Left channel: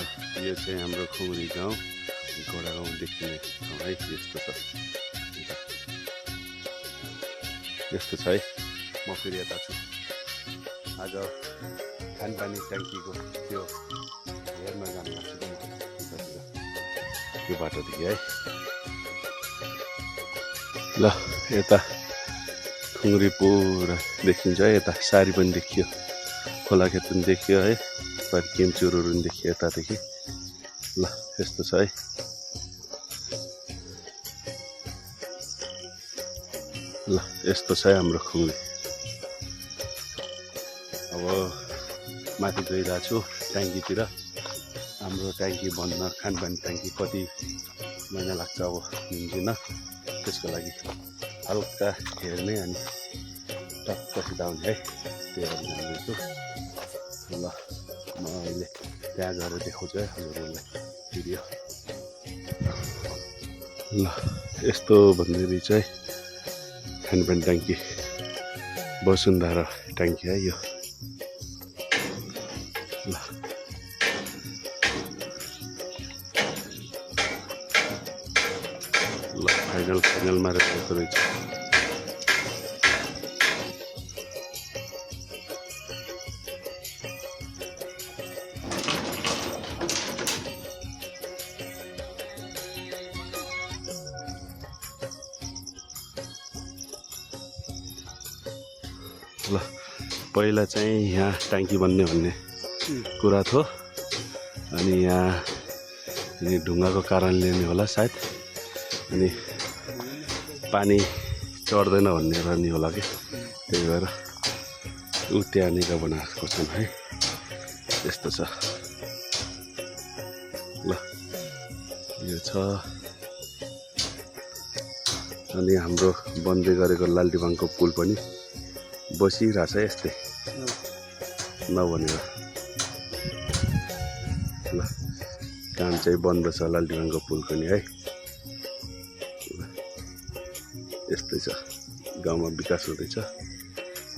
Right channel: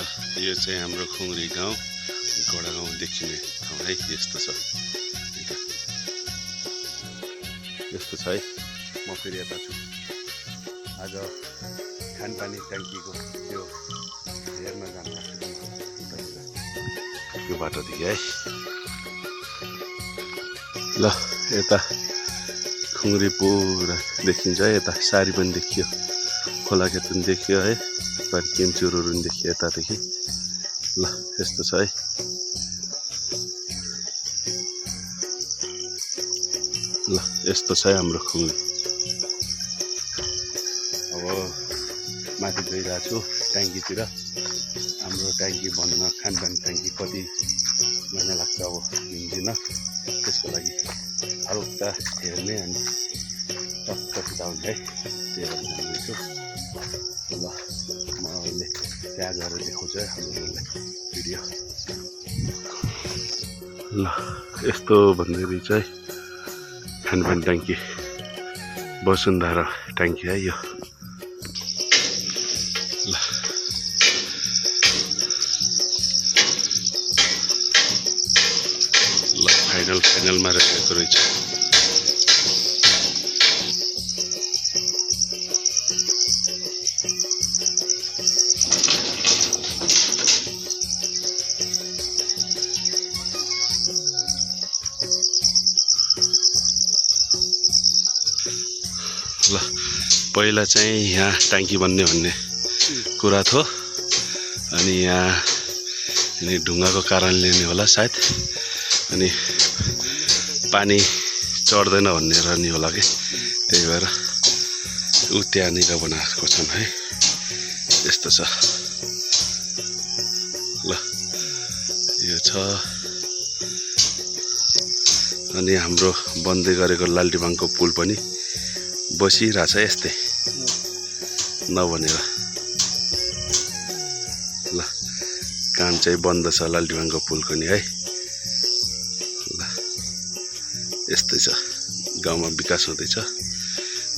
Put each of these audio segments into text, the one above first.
ल यो चाहिँ हाम्रो खुङरी गाउँ गोडा गाउँ देखिने ठाउँ है। यस्तो छ यस्तो छ है। म फेरि यता छु। आज खानपानी ट्याङ्कीको त्यो हेर्न जानु लाग्छ उतातिर त्यो बाटोदेखि है। ल यता खुङरी पुरा देखिन्छ है। यता सारी पनि देखियो, खोला खेत पनि देखियो है, पर केम्चुरहरू पनि देखियो यतादेखि। ल यस्तो छ है। ल यस्तो छ हाम्रो खुङरी। अब माथि गइरहेको छु ट्याङ्कीतिर। हाम्रो ट्याङ्की बन्न, खानपानी ट्याङ्की कति महिना लाग्छ अब हिँड्दिन, त्यसको लागि हल्का हेर्ने अनि टक्क फिटाउने है। त्यही भएर जाँदैछु। ल म अहिले त्यहाँ गएर देखाउँछु है हजुरहरूलाई भिडियो। ल यस्तो भन्दै रहेछ है खानपानी ट्याङ्की, वसुन्धरा ट्याङ्की है यो। ल ल फाइनलमा रहेको रहेछ। ल पहिला चाहिँ यहाँ ट्याङ्की बन्ने भन्ने कुरा थियो, अनि यहाँ ढुङ्गाको कारणले नै होला सायद, अनि पानी चढ्दैन भनेर नि होला कि, त्यही भएर ऊ त्यहाँनिर बनाएको छन् है। यस्तो छ। ल यो छ। अनि हाम्रो बन्दै गरेको लालटिबाङको पुल पनि बसिरहेछ यस्तै नबनेर। ल काम चाहिँ बन्द छ लालटिबाङको पुलको नि है। ल यस्तै छ, गाउँमा विकास हुँदैछ।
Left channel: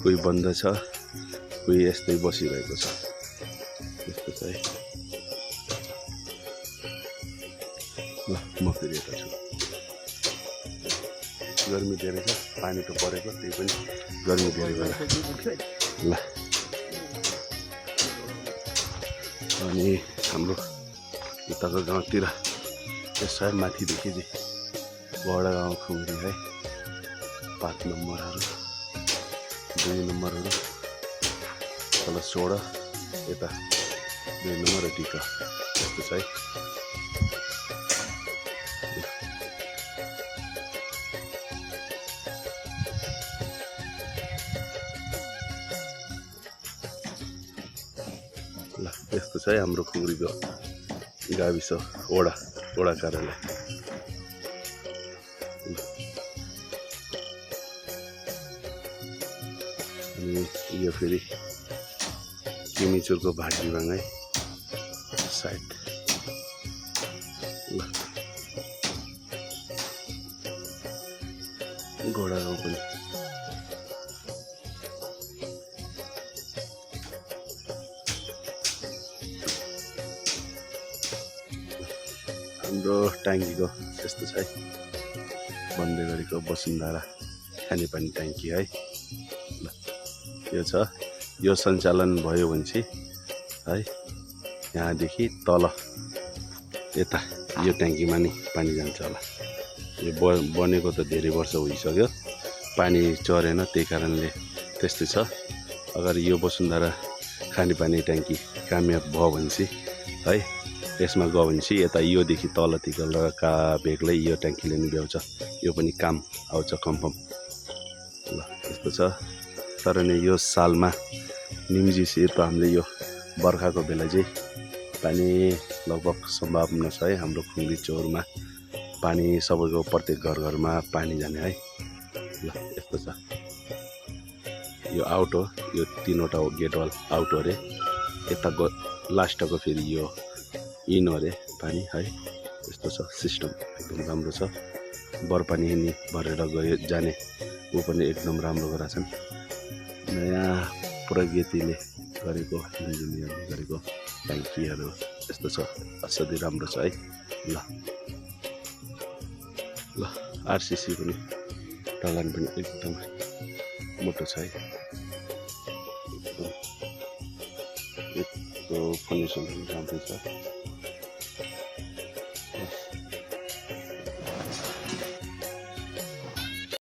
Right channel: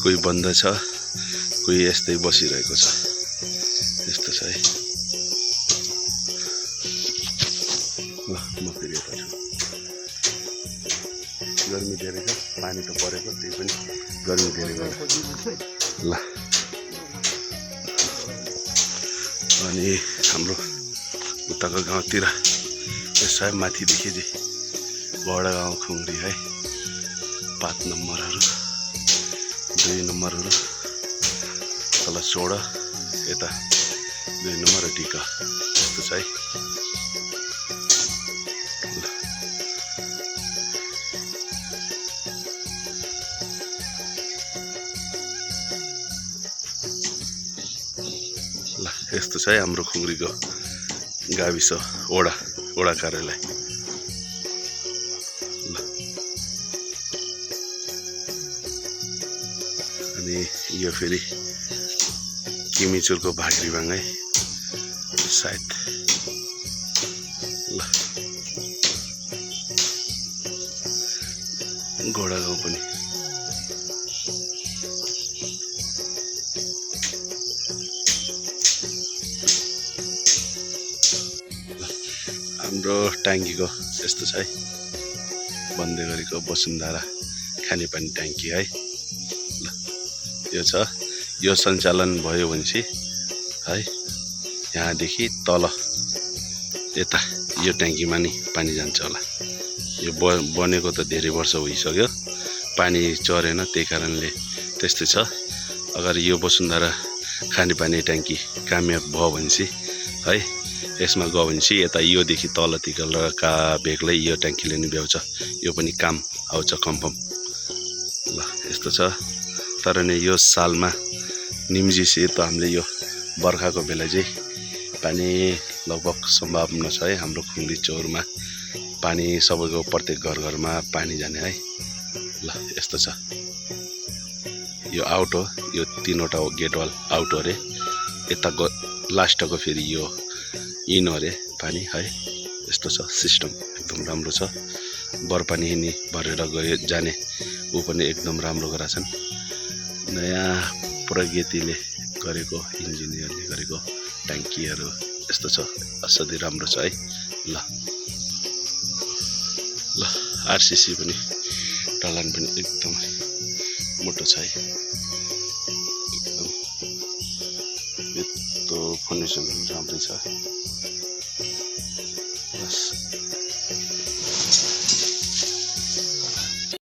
कोही बन्द छ, कोही यस्तै बसिरहेको छ। यस्तो छ है। ल म फेरि यता छु। गर्मी धेरै छ, पानी त परेको, त्यही पनि गर्मी धेरै भयो। ल अनि हाम्रो उताको गाउँतिर यसै माथिदेखि चाहिँ गोडा गाउँ खुङरी है। 5 नम्बरहरू, 2 नम्बरहरू, तल 16, यता 2 नम्बर टिका। यस्तो छ है। ल यस्तो छ है हाम्रो खुङरीको गाविस वडा कार्यालय। ल अनि यो फेरि किमिचुरको भाग्रीबाङ है सायद। ल गोडा गाउँ पनि। हाम्रो ट्याङ्कीको यस्तो छ है, बन्दै गरेको वसुन्धरा खानेपानी ट्याङ्की है। ल यो छ। यो सञ्चालन भयो भनेपछि है यहाँदेखि तल यता यो ट्याङ्कीमा नि पानी जान्छ होला। यो बनेको त धेरै वर्ष भइसक्यो, पानी चरेन, त्यही कारणले त्यस्तै छ। अगर यो वसुन्धरा खानेपानी ट्याङ्की कामयाब भयो भनेपछि है, यसमा गयो भनेपछि यता योदेखि तलतिर का बेग्लै यो ट्याङ्कीले नि भ्याउँछ, यो पनि काम आउँछ कन्फर्म। ल यस्तो छ। तर नि यो सालमा निम्जिसे त हामीले यो बर्खाको बेला चाहिँ पानी लगभग सम्भावना छ है। हाम्रो खुङरी चौरमा पानी सबैको प्रत्येक घरमा पानी जाने है। ल यस्तो छ। यो आउट हो, यो 3वटा गेटवाल आउट हो अरे। यता लास्टको फेरि यो इन हो अरे पानी है। यस्तो छ सिस्टम, एकदम राम्रो छ। बरपानी नि भरेर गयो जाने ऊ पनि एकदम राम्रो गराछन्। नयाँ प्रगतिले गरेको, इन्जिनियरले गरेको ट्याङ्कीहरू यस्तो छ, असाध्यै राम्रो छ है। ल ल आरसीसी पनि ढलान पनि एकदम मोटो छ है। एकदम यस्तो फाउन्डेसन पनि राम्रै छ।